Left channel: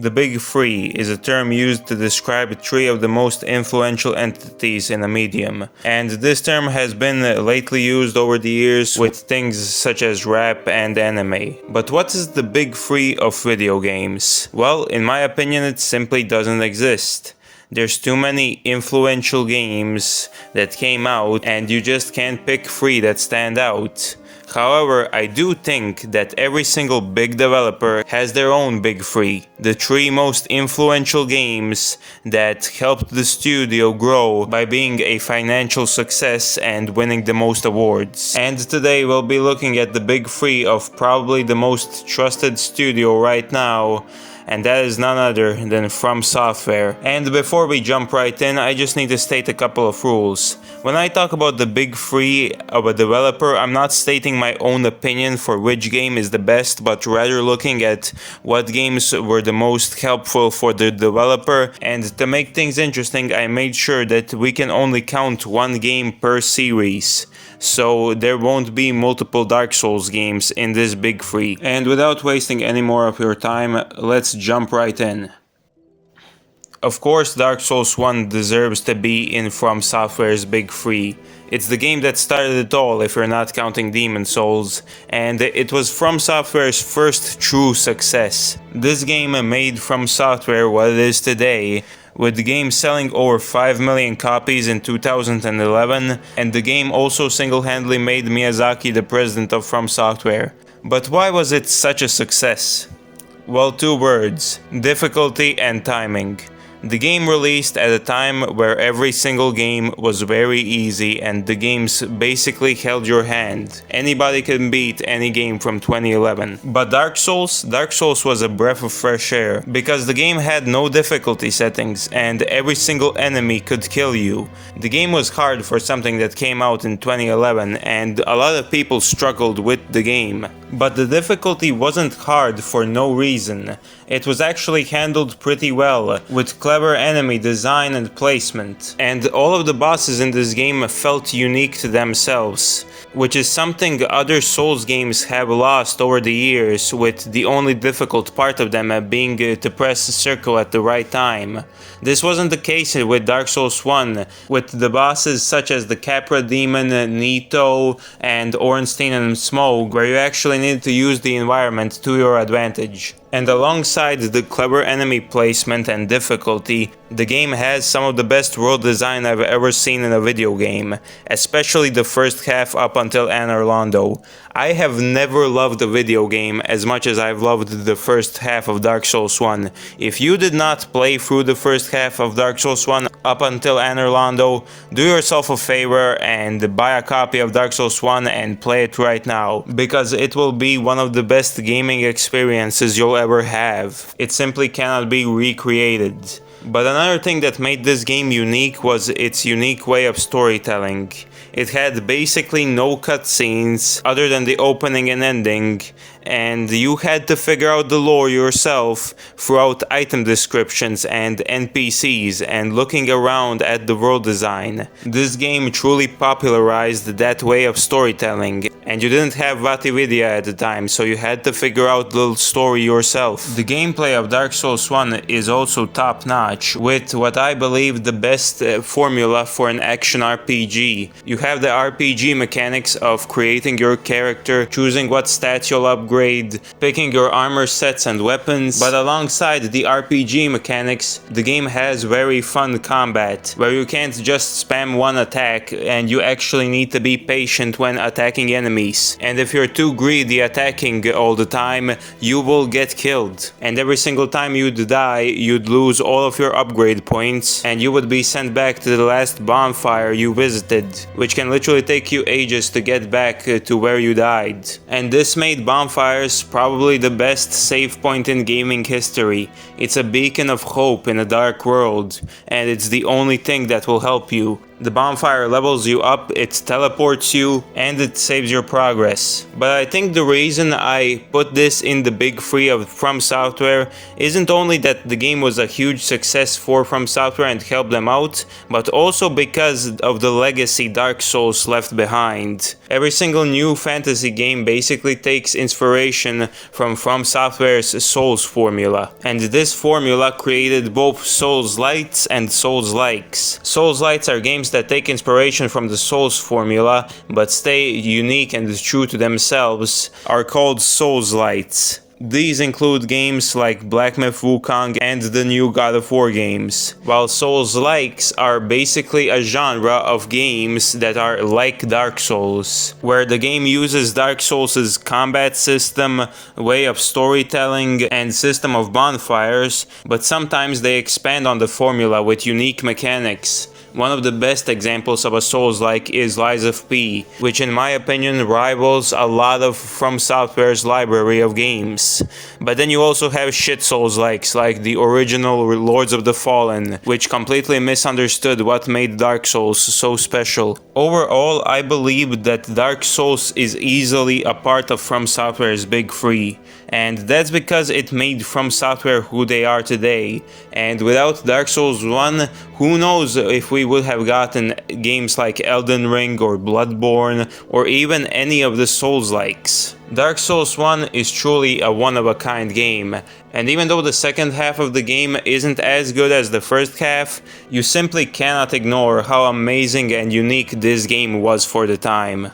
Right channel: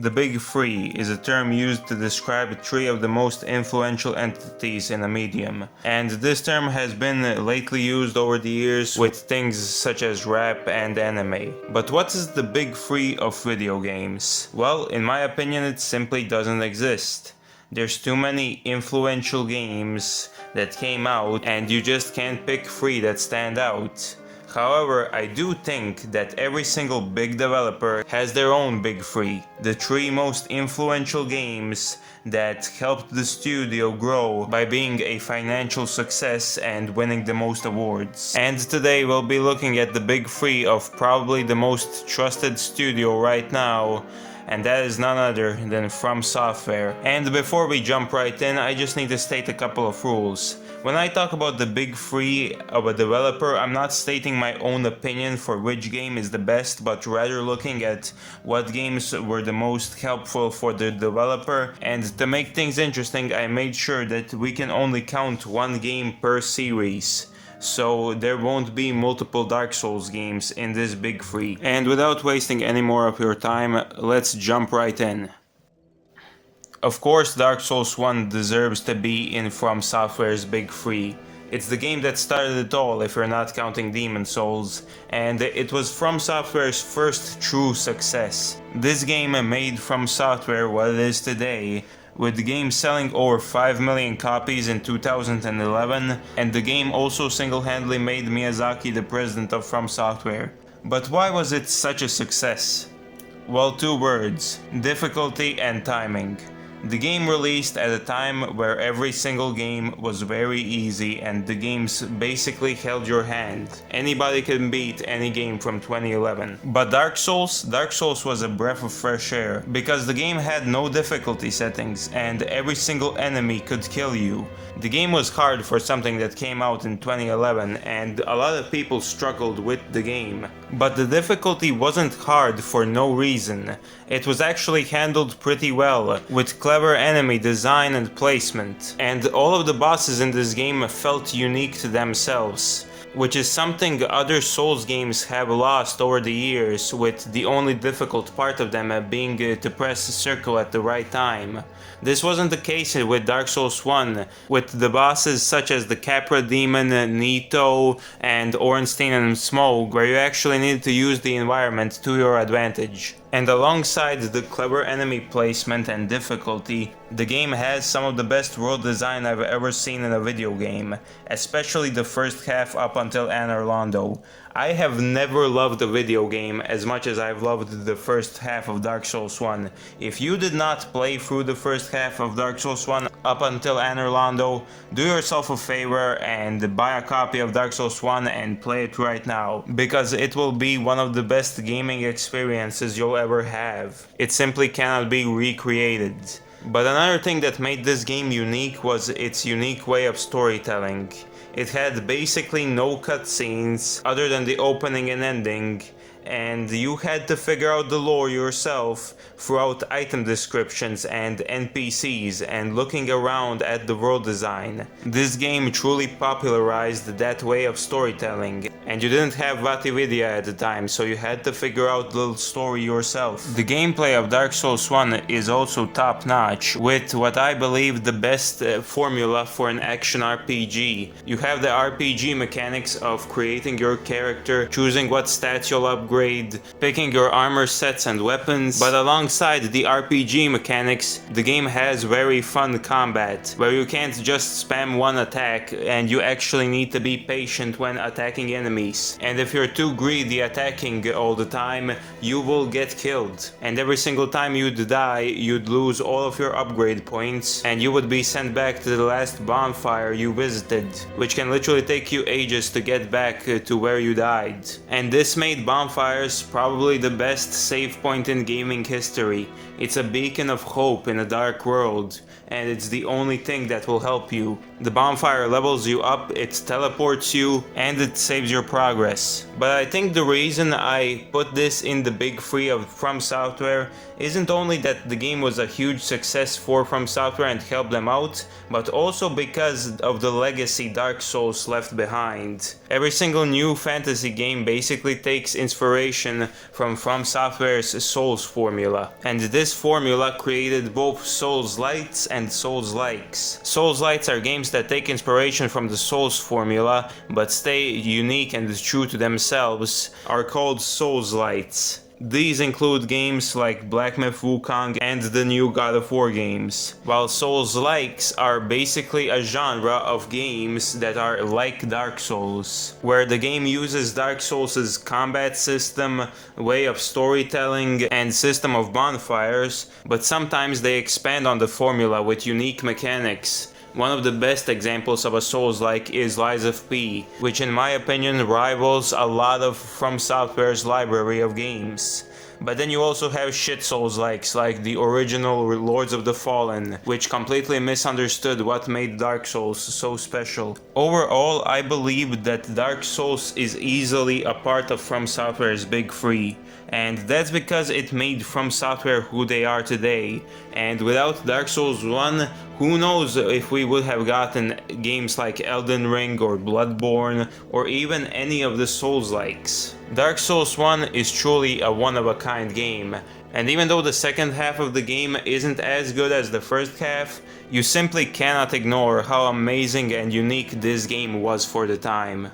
The Big Three is a term used to describe three of the most influential entities in a medium, and this term has been lately used over the years with things such as rap and anime. But what is the Big Three of video games? Well, in my opinion, it simply doesn't exist. There's too many influential games that came out, and you just can't pick three that stand out. However, I do think that every single big developer has their own big three, the three most influential games that helped the studio grow by being a financial success and winning the most awards. And today we'll be looking at the big three of probably the most trusted studio right now, and that is none other than FromSoftware. And before we jump right in, I just need to state a couple of rules. When I talk about the big three of a developer, I'm not stating my own opinion for which game is the best, but rather looking at what games were the most helpful for the developer. And to make things interesting, I made sure that we can only count one game per series, so there won't be multiple Dark Souls games in this big three. And without wasting any more of your time, let's jump right in. Of course, Dark Souls 1 deserves to be in FromSoftware's big three. It's the game that started it all if you're not counting Demon Souls, and it was FromSoftware's first true success. This game made FromSoftware what it is today, with the game selling over 5 million copies in 2011, and the game also single-handedly made Miyazaki the president of FromSoftware. But why was it such a success? Well, two words: difficulty and timing. The game released at a time where every single game was very easy and the games basically held your hand. Anybody can beat any game from 2011. But Dark Souls was a breath of fresh air, because the game had no difficulty settings and every single enemy could kill you. The game was hard for something that came out in 2011, and a lot of people struggled with the game. But the difficulty wasn't hard for no reason. It was actually handled pretty well, with clever enemy design and placement. And all of the bosses in this game felt unique to themselves, which is something other Souls games have lost over the years, with the only difficult part of them being to press circle at the right time. This wasn't the case with Dark Souls 1, with the bosses such as the Capra Demon, Nito, and Ornstein and Smoke, where you actually needed to use the environment to your advantage. And alongside the clever enemy placement and difficulty, the game has some of the best world design I've ever seen in a video game, especially the first half up until Anor Londo. I have never loved a video game as much as I've loved the first half of Dark Souls 1. If you did not play through the first half of Dark Souls 1 up until Anor Londo, do yourself a favor and buy a copy of Dark Souls 1 and play it right now, because it will be one of the best gaming experiences you'll ever have. It simply cannot be recreated. But another thing that made this game unique was its unique way of storytelling. It had basically no cutscenes other than the opening and ending, and you had to figure out the lore yourself throughout item descriptions and NPCs and looking around at the world design. This game truly popularized that way of storytelling, and you didn't have VaatiVidya at the time, so you had to figure out the story yourself. The gameplay of Dark Souls 1 is also top-notch, with what I believe the best formula for an action RPG. You have the RPG mechanics of creating your character, choosing what stats you'll upgrade, picking your armor sets and weapons, but alongside the RPG mechanics, the game has very fun combat, where you can't just spam one attack and you actually need to be patient when attacking enemies. And if you're too greedy attacking all the time, you will get killed. And every single time you'd die, you'd lose all of your upgrade points and you would be sent back to the last bonfire you visited, which can literally take you ages to get back to where you died. And this made bonfires probably the best save point in gaming history. It's a beacon of hope in a dark world, and it's the only thing that will help you. The bonfire levels you up, it teleports you, and it saves your progress. But I think the reason I put this in the big three of FromSoftware isn't only that the game was a huge success for FromSoftware and helped them out, but also because of the legacy Dark Souls left behind. Every single new fantasy game basically takes inspiration from FromSoftware's Souls formula, and this formula created both Souls-lights and Souls-likes. Souls-lights are games that take inspiration from the Souls formula but stay unique and true to themselves, are called Souls-lights. These include games like Black Myth Wukong and the new God of War games, while Souls-likes are basically a genre of games that are like Dark Souls, where the game uses Dark Souls' combat system, way of storytelling, and system of bonfires, but sometimes they expand on the formula with unique mechanics. One of the best examples of a Souls-like is Lies of P, which in my opinion rivals a lot of FromSoftware's library of games. But then you also have shit Souls-likes like the original Lords of the Fallen, which completely misunderstood what made Dark Souls so special. Overall, I believe that Dark Souls is easily a part of FromSoftware's big three, and that's because it made FromSoftware who they are today. And without Dark Souls 1, who knows if we would have gotten games like Elden Ring or Bloodborne or even any of the Souls-likes. Dark Souls 1 is truly a one-of-a-kind game, and even though the second half of the game isn't as good as the first half, you simply cannot ignore how amazing and unique this game was for the time.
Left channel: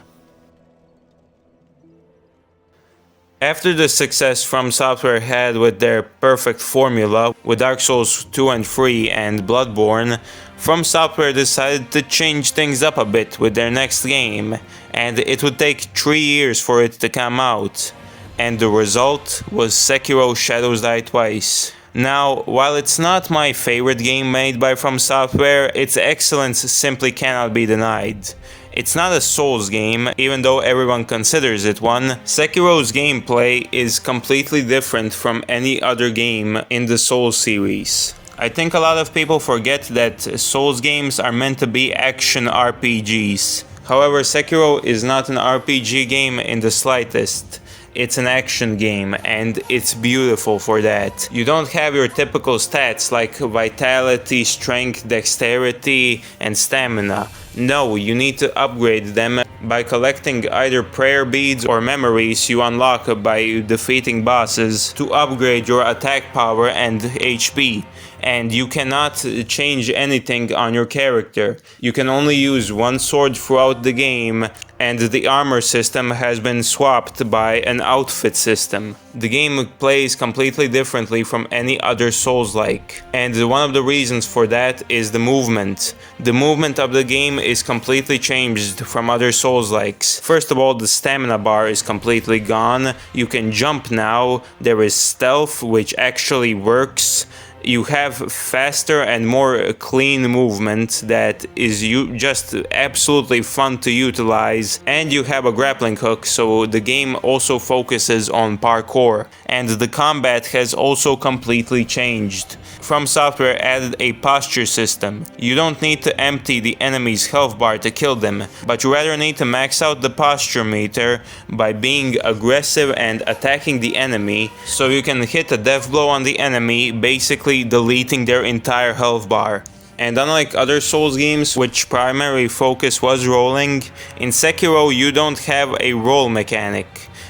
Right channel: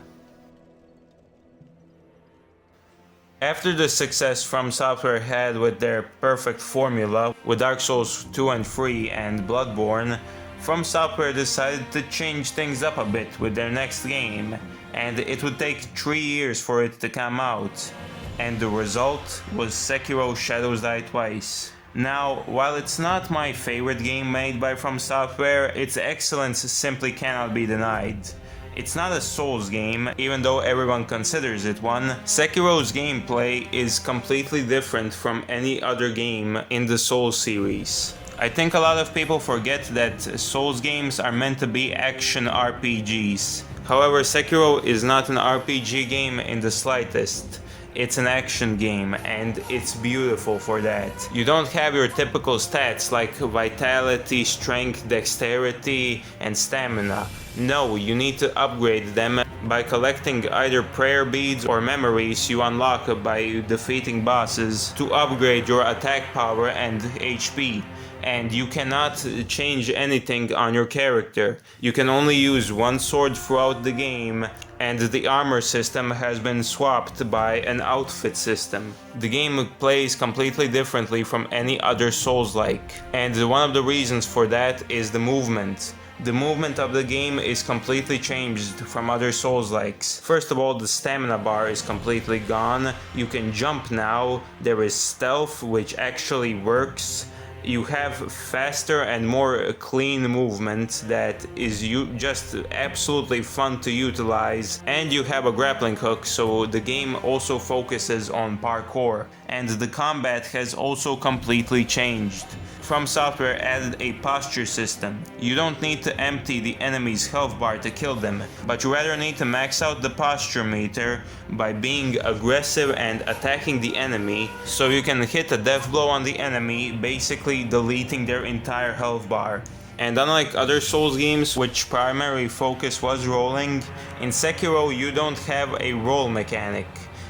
After the success FromSoftware had with their perfect formula with Dark Souls 2 and 3 and Bloodborne, FromSoftware decided to change things up a bit with their next game, and it would take 3 years for it to come out. And the result was Sekiro Shadows Die Twice. Now, while it's not my favorite game made by FromSoftware, its excellence simply cannot be denied. It's not a Souls game, even though everyone considers it one. Sekiro's gameplay is completely different from any other game in the Souls series. I think a lot of people forget that Souls games are meant to be action RPGs. However, Sekiro is not an RPG game in the slightest. It's an action game, and it's beautiful for that. You don't have your typical stats like vitality, strength, dexterity, and stamina. No, you need to upgrade them by collecting either prayer beads or memories you unlock by defeating bosses to upgrade your attack power and HP. And you cannot change anything on your character. You can only use one sword throughout the game, and the armor system has been swapped by an outfit system. The game plays completely differently from any other Souls-like, and one of the reasons for that is the movement. The movement of the game is completely changed from other Souls-likes. First of all, the stamina bar is completely gone. You can jump now. There is stealth, which actually works. You have faster and more clean movement that is just absolutely fun to utilize, and you have a grappling hook, so the game also focuses on parkour, and the combat has also completely changed. FromSoftware added a posture system. You don't need to empty the enemy's health bar to kill them, but you rather need to max out the posture meter by being aggressive and attacking the enemy, so you can hit a death blow on the enemy, basically deleting their entire health bar. And unlike other Souls games, which primary focus was rolling, in Sekiro you don't have a roll mechanic,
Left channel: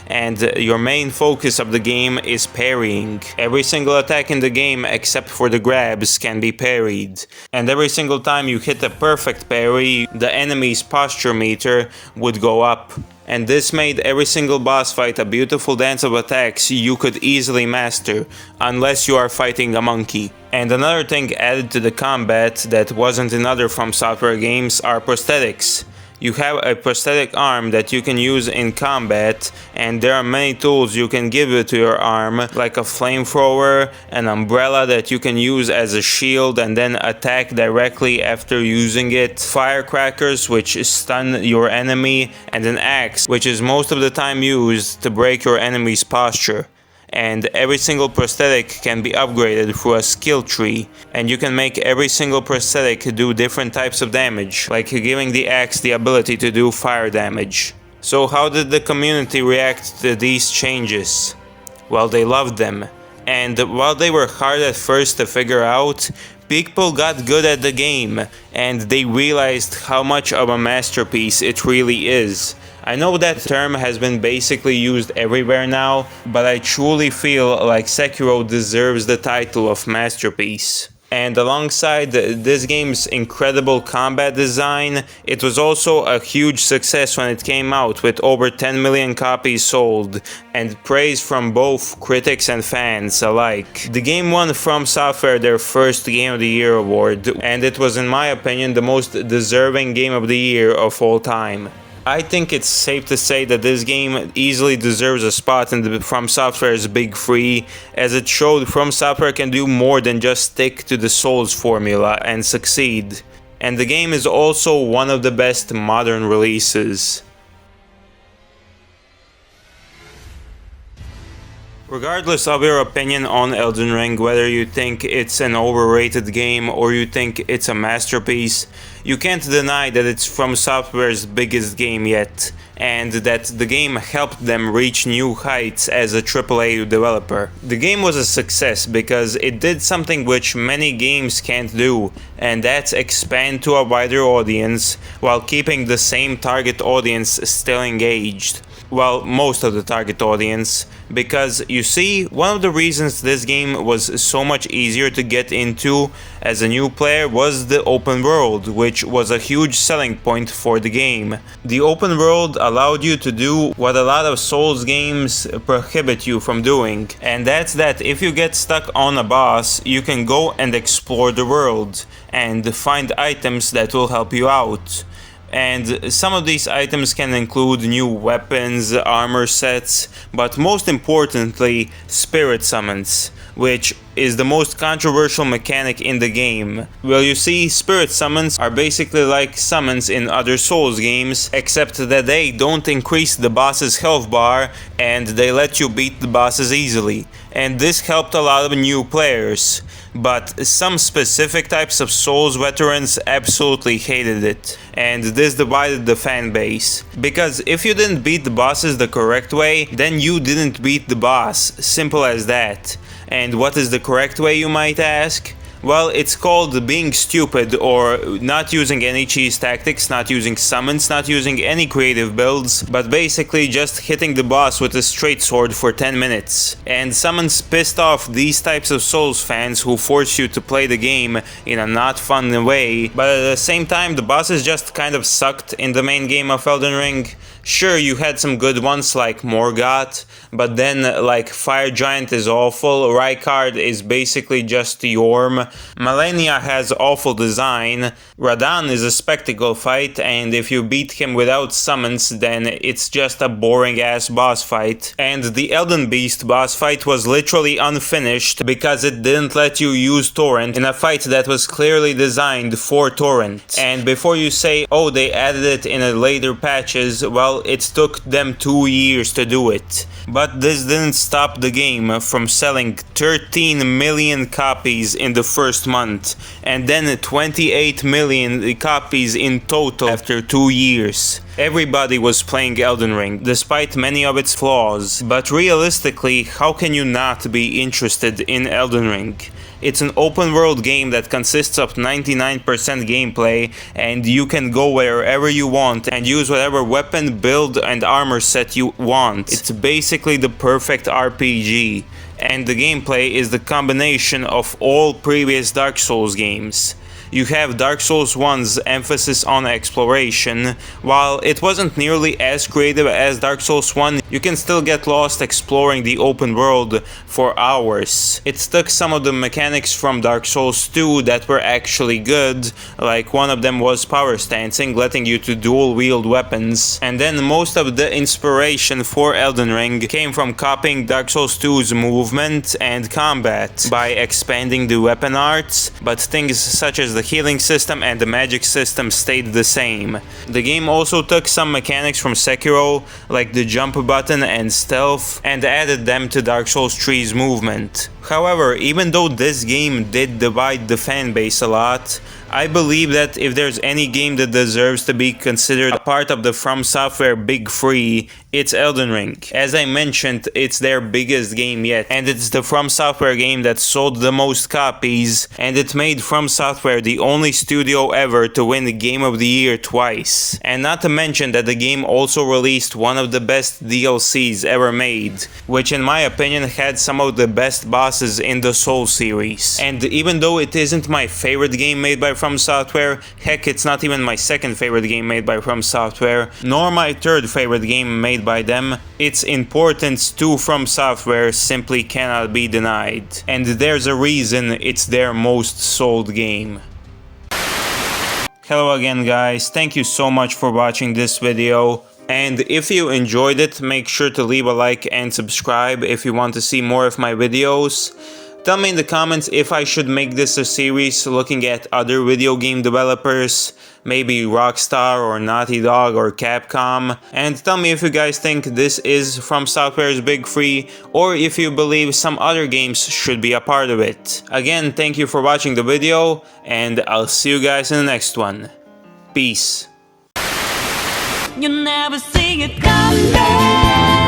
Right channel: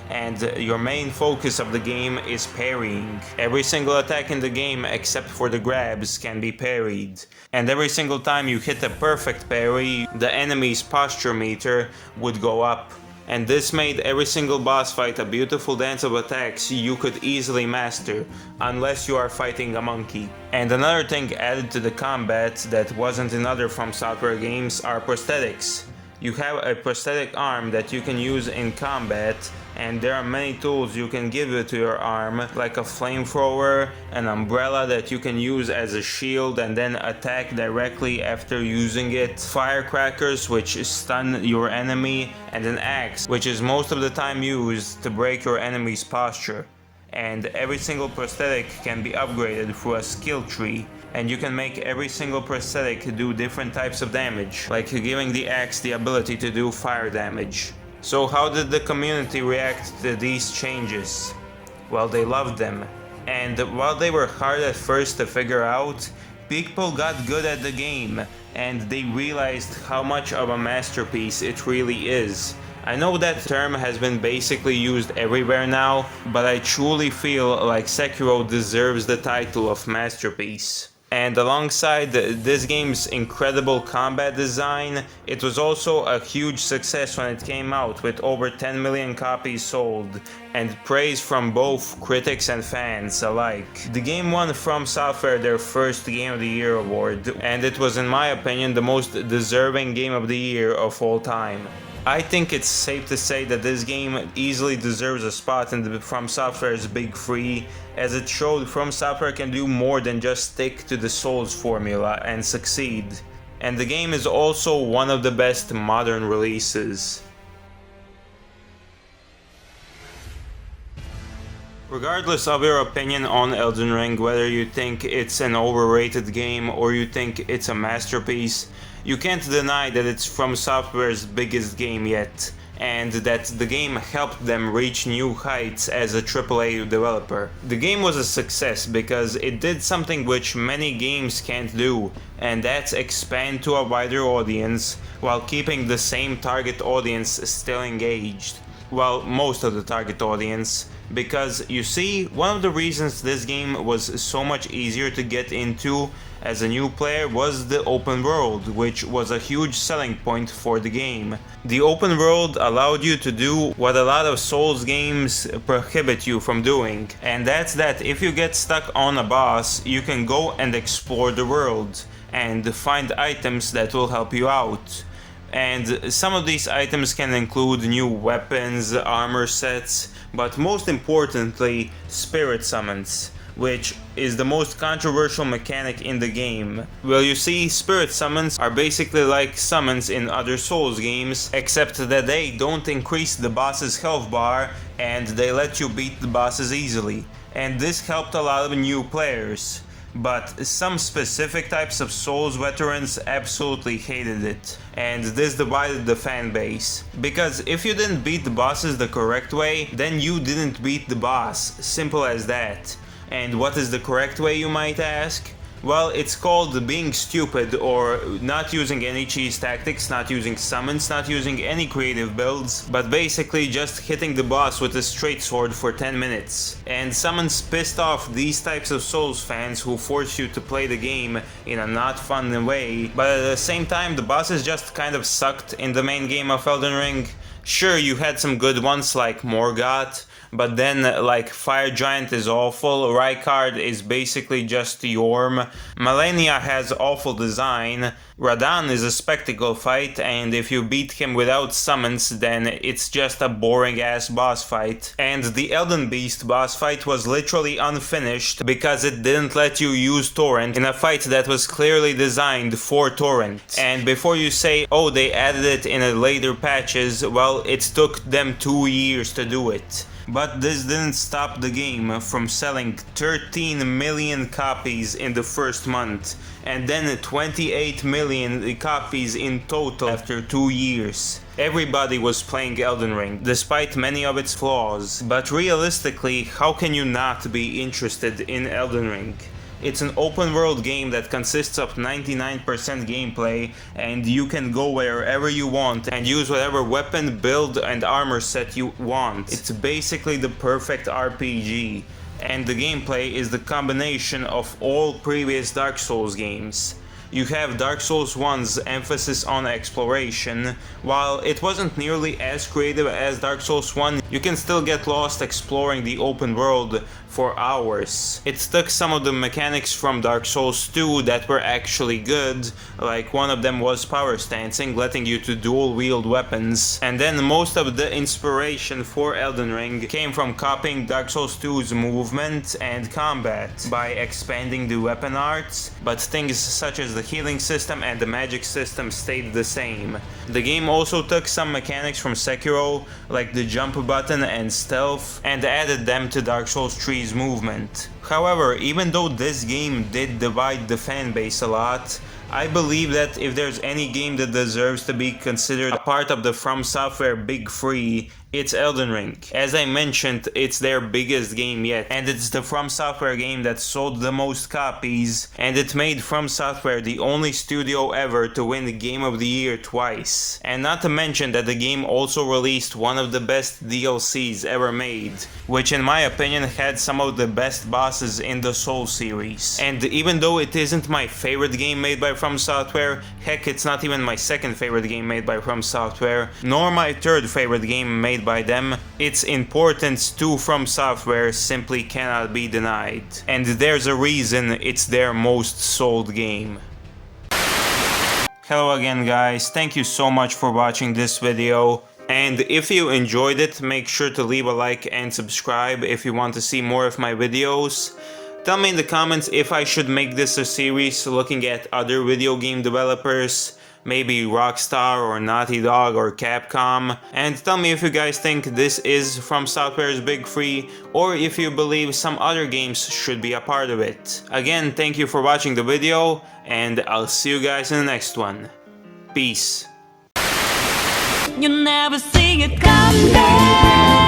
and your main focus of the game is parrying. Every single attack in the game except for the grabs can be parried, and every single time you hit a perfect parry, the enemy's posture meter would go up. And this made every single boss fight a beautiful dance of attacks you could easily master, unless you are fighting a monkey. And another thing added to the combat that wasn't in other FromSoftware games are prosthetics. You have a prosthetic arm that you can use in combat, and there are many tools you can give it to your arm, like a flamethrower, an umbrella that you can use as a shield and then attack directly after using it, firecrackers which stun your enemy, and an axe which is most of the time used to break your enemy's posture. and every single prosthetic can be upgraded through a skill tree, and you can make every single prosthetic do different types of damage, like giving the axe the ability to do fire damage. So how did the community react to these changes? Well, they loved them, and while they were hard at first to figure out, people got good at the game, and they realized how much of a masterpiece it really is. I know that term has been basically used everywhere now, but I truly feel like Sekiro deserves the title of masterpiece. And alongside this game's incredible combat design, it was also a huge success when it came out, with over 10 million copies sold, and praise from both critics and fans alike. The game won FromSoftware their first Game of the Year award, and it was, in my opinion, the most deserving Game of the Year of all time. I think it's safe to say that this game easily deserves a spot in the FromSoftware's Big Three, as it showed FromSoftware can do more than just stick to the Souls formula and succeed. And the game is also one of the best modern releases. Regardless of your opinion on Elden Ring, whether you think it's an overrated game or you think it's a masterpiece, you can't deny that it's FromSoftware's biggest game yet, and that the game helped them reach new heights as a AAA developer. The game was a success because it did something which many games can't do, and that's expand to a wider audience while keeping the same target audience still engaged. Well, most of the target audience, because you see, one of the reasons this game was so much easier to get into as a new player was the open world, which was a huge selling point for the game. The open world allowed you to do what a lot of Souls games prohibit you from doing, and that's that if you get stuck on a boss, you can go and explore the world and find items that will help you out. And some of these items can include new weapons, armor sets, but most importantly, spirit summons, which is the most controversial mechanic in the game. Well, you see, spirit summons are basically like summons in other Souls games, except that they don't increase the boss's health bar and they let you beat the bosses easily. And this helped a lot of new players. But some specific types of Souls veterans absolutely hated it, and this divided the fan base. Because if you didn't beat the bosses the correct way, then you didn't beat the boss, simple as that. And what is the correct way, you might ask? Well, it's called being stupid, or not using any cheese tactics, not using summons, not using any creative builds, but basically just hitting the boss with a straight sword for 10 minutes. And summons pissed off these types of Souls fans who force you to play the game in a not fun way, but at the same time the bosses just kind of sucked in the main game of Elden Ring. Sure, you had some good ones like Morgoth, but then like Fire Giant is awful, Rykard is basically just Yorm, Malenia has awful design, Radahn is a spectacle fight, and if you beat him without summons then it's just a boring ass boss fight. And the Elden Beast boss fight was literally unfinished because it didn't let you use Torrent in a fight that was clearly designed for Torrent. And before you say, oh, they added it in a later patches, well, it took them 2 years to do it. But this didn't stop the game from selling 13 million copies in the first month, and then 28 million copies in total after 2 years. Everybody was playing Elden Ring, despite many of its flaws, but realistically, how can you not be interested in Elden Ring? It's an open world game that consists of 99% gameplay, and you can go wherever you want and use whatever weapon, build and armor set you want. It's basically the perfect RPG, and the gameplay is the combination of all previous Dark Souls games. You have Dark Souls 1's emphasis on exploration. While it wasn't nearly as creative as Dark Souls 1, you can still get lost exploring the open world for hours. It took some of the mechanics from Dark Souls 2 that were actually good, like one of them was power stancing, letting you to dual wield weapons, and then most of the inspiration for Elden Ring came from copying Dark Souls 2's movement and combat by expanding the weapon arts, but things such as the healing system and the magic system stayed the same. The game also took some mechanics from Sekiro, like the jump button and stealth, and added them to Dark Souls 3's movement. However, even though this game did divide the fanbase a lot, I believe that if there's any game that deserves to be considered a part of the FromSoftware Big Three, it's Elden Ring. As I mentioned, it's their biggest game yet, and it's the FromSoftware game that sold the most copies, and it made FromSoftware the only studio ever to win the Game of the Year twice. And not to mention that the game also released one of the best DLCs ever made, which in my opinion had some of the best bosses in the Souls series. And even though it isn't my favorite game made by FromSoftware, heck, it's not even my second favorite game made by FromSoftware, nor my third favorite game made by them, its importance to FromSoftware simply cannot be denied. And there's a reason it's their most sold game. Hello again guys, thank you so much for watching this video. And if you enjoyed it, make sure to leave a like and subscribe if you want to see more of my videos. Tell me in the comments if I should make this a series looking at other video game developers, maybe Rockstar or Naughty Dog or Capcom, and tell me if you guys think this is FromSoftware's Big Three, or if you believe some other games should be a part of it. Again, thank you for watching the video, and I'll see you guys in the next one. Peace. You never see it coming.